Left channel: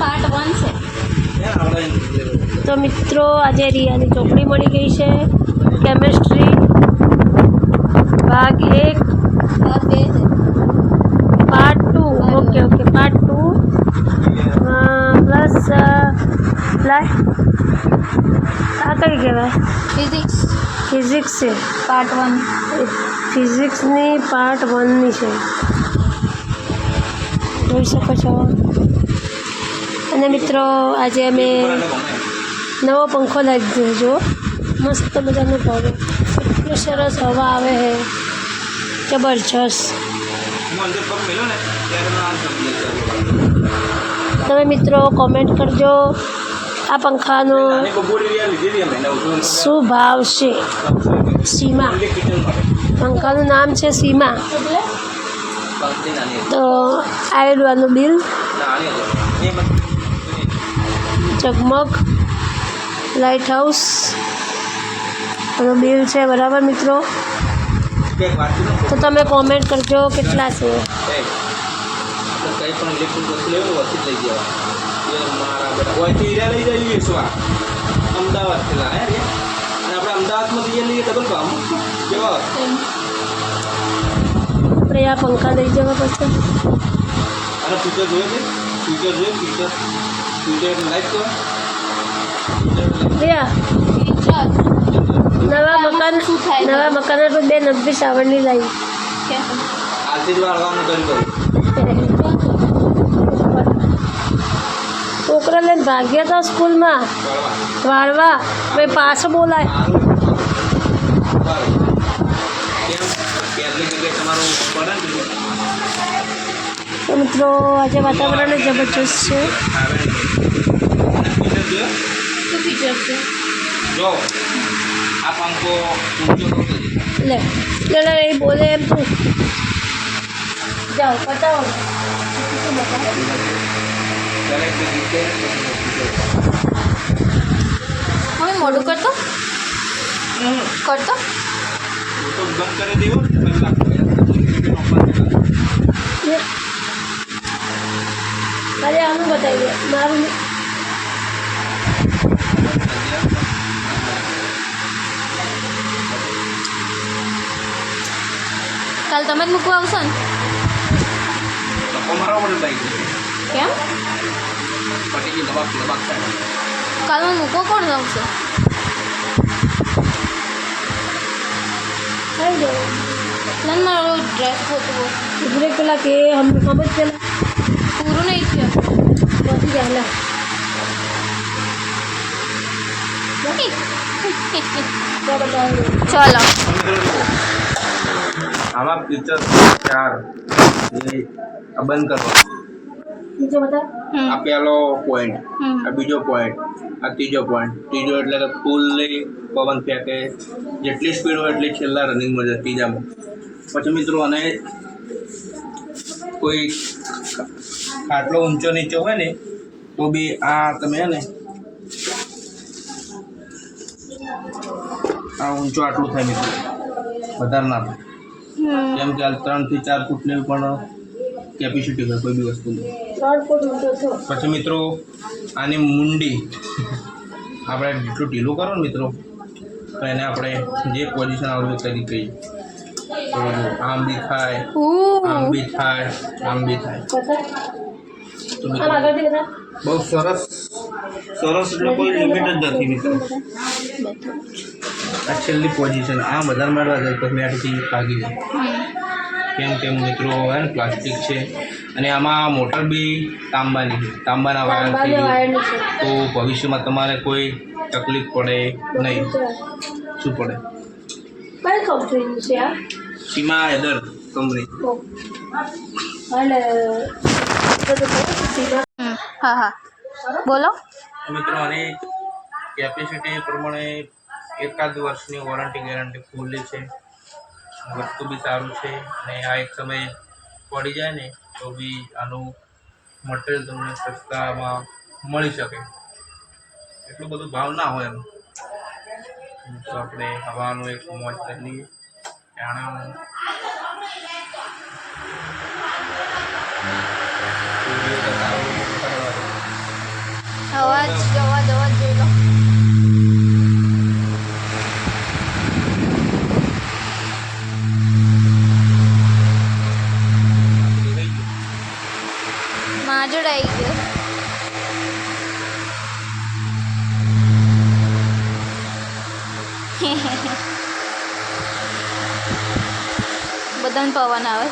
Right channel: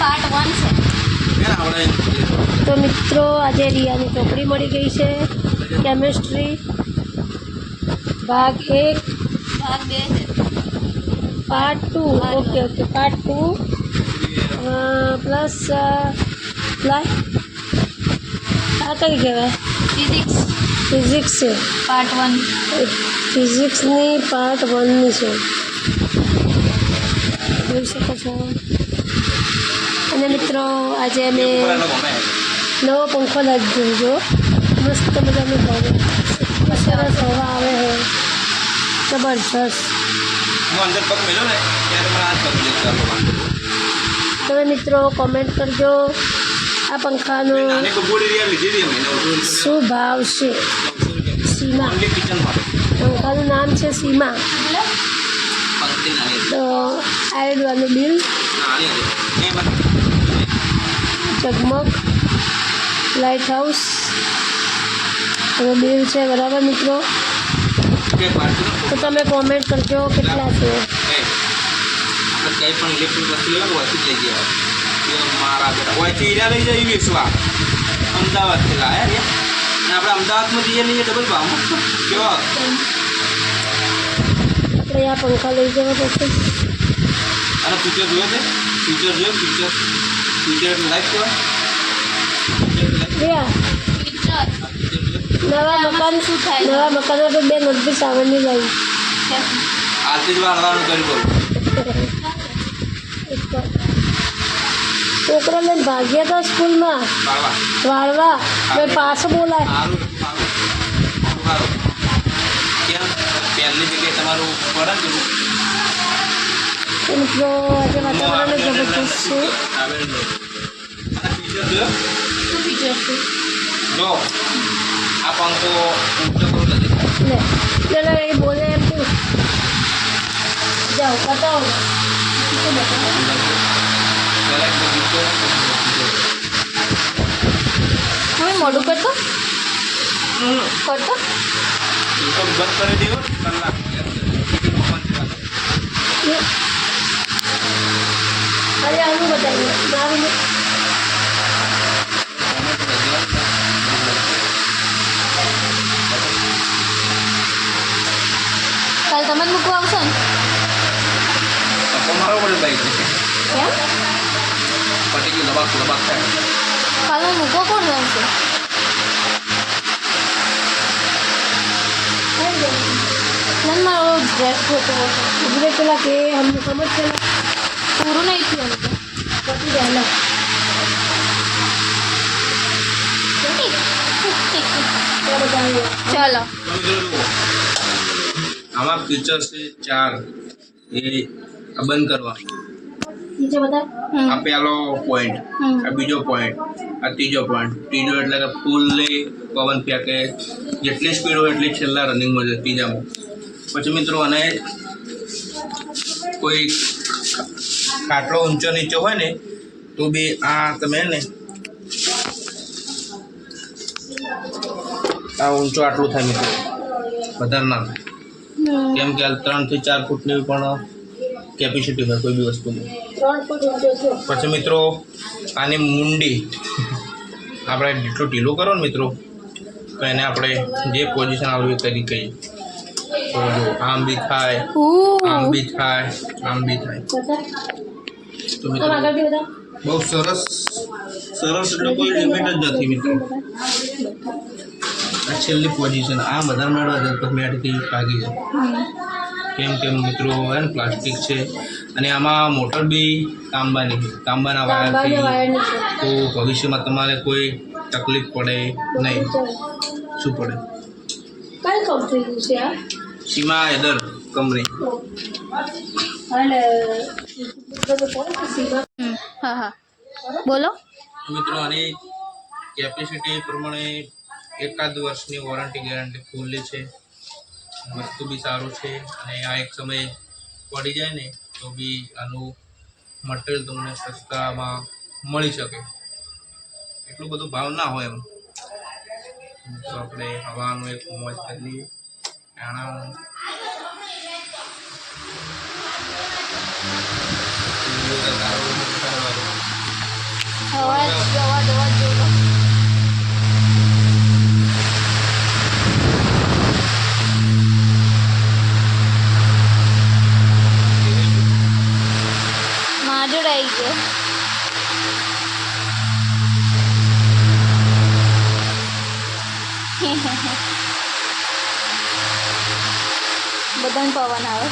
Part 1 છે. તો મિત્રો આજે રિયાની ચોપડી મળી ગઈ છે કેમેસ્ટ્રી ભાગ 1 ભાગ 2 છે. પાર્ટ 2 ઓકે પાર્ટ 2 પ્લસ આ કઈ કહેવાય ફિઝિક્સ છે પાર્ટ 1. ફિઝિક્સની પાર્ટ 1ની છે જોઈ શકો છો. અને મિત્રો આજે અમે નવો પંખો લાવી દીધો મસ્ત મજાનો ભાવે એટલું સરસ હવા આવે છે જબરજસ્ત. તમે મિત્રો કોમેન્ટ કરજો આ પંખાનો શું ભાવ છે. સીમા પંખાનું નામ છે સીમા. તો આયરવાનું બિલ ઝગમગ લાઇટ હાઉસ એનું બિલ છે બરાબર મિત્રો. તો તમે કોમેન્ટ કરજો કેટલા છે. કંઈ પણ ઇલેક્ટ્રિક વસ્તુ લેવું વસ્તુ લઈ ગયા મારા બેટા ઓયથી હીરા લઈ જાય વેચવા અમદાવાદથી લાયા રે અને આપણે અમદાવાદમાં જઈએ લઈએ ડબલ ભાવ કેવો આપણે આ પંખા લઈ જવા પછી અને ફ્યુચર જોયું છે ફ્યુચર લાઈક હોય નવા મકાન તો 290 સાવરની લાવી આરતી જ વાળવાનું કરી કરું છોકરા લઈને ભાગ્યા હતા સ્કૂલમાં વાળવા ભાઈ પાછો બોલાય. કેમ પહેલી જગ્યાએ તમારું પડે ને તો મિત્રો આજે વાતાવરણ જબરજસ્ત છે. અને ફ્યુચર જોયો શું ફીચર છે? જો આ પંખો ઊંચો કરતો જશે લે એ બોલે એમ તું જાઓ બતાવો. હવે મોડું કરતો બંધ કરી દીધો અરે હું બતાવી મારું કાલ તમે જ મૂકવા આવશો ને? મારો પડે લાગી જશે કેમ? પટી ગયું દબાક થાય કાલમાં મૂકવા કોણ આવશે? ના મારો ડ્રેસ હોતો इधर चला के हम समझ चला પૂરું નહીં થયું. नहीं रहना ચાલો આમાં ફીચર 4 એ બંધ કરવાનું. नीचे बता આ પહેલો પોઈન્ટ આ બીજો પોઈન્ટ આ ત્રીજો પોઈન્ટ ત્રીજો એટલે કે ફૂલની પવન ફેંકે જેટલી સ્પીડ હોય એટલી છેલ્લા રનિંગમાં જાય ત્રીજામાં. પછી મિત્રો અને કોઈ આટલો ઊંચો નીચો હોય ને તો બી આ તમે ને આ ઊંચો આટલું થાય મિત્રો વધારે ના થાય કેમ કે આ 3 થી 4 ફૂટની પણ કેપેસિટી હોય કોઈ બી વસ્તુની. 3 फुट ऊंचो छो પછી મિત્રો આની મુંડી આપણે જેટલું ઢીલું કરો ને મિત્રો તો એને આપણે જે પોઝિશન આવે કરી કહીએ તો આમ બી થાય આમ બી થાય આમ બી થાય. बता તો हम મિત્રો आगे भी बता બહુ સરસ એટલે કોઈ લિમિટ જ નથી મિત્રો. આ છેલ્લી પોઝિશન આ વધારે મળવા જાય તો મેટથી ભાગી જાય કેમ મિત્રો હે ને પ્લાસ્ટિક છે અને આમાં મોટર બી તાંબાના વાયરથી તો ભવિષ્યમાં તમારે કોઈ તકલીફ પડે નહીં. શું પડે? कई कंपनी से यार સીમા એદર કંપની. अरे तो सीधा હા હા બોલો. મિત્રો આની કેપેસિટી પ્રમાણે 1 વર્ષની વોરંટી ગેરંટી ફૂલ્લી છે. વસ્તુ બી સારું છે અને આ એક સમયે પડી જાય ને તો બી આનું મટીરિયલ તમને સસ્તામાં મળી શકે એટલું બધું ભાવ ના હોય એમ. તો આપણે હવાનું એક મોજ કરી લઈએ આણાનું આવી ગયો. બધાને પવન આવે.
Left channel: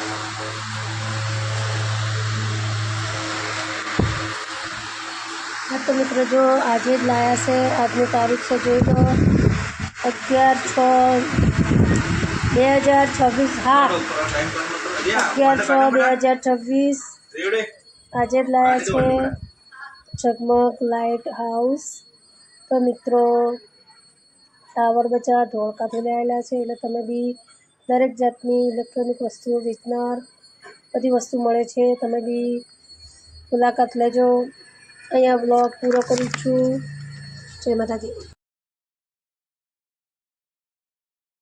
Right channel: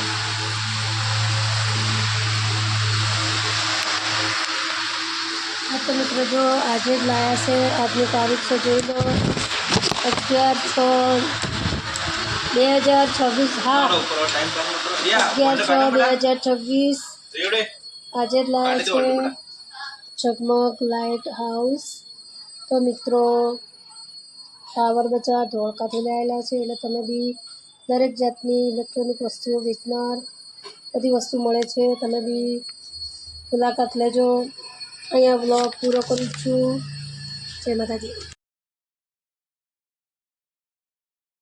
હા તો મિત્રો જો આજે જ લાયા છે. આજની તારીખ છે જોઈ લો 11/6/2026. હા 11/6/2026 આજે જ લાયા છે ઝગમગ લાઇટ હાઉસ. તો મિત્રો ટાવર બજાર ધોળકાથી લાવેલા છે. એટલે તમે બી દરેક જાતની ઇલેક્ટ્રોનિક વસ્તુઓ વેચનાર બધી વસ્તુ મળે છે. તમે બી મુલાકાત લેજો. અહીંયા બ્લોગ પૂરો કરું છું. જય માતાજી.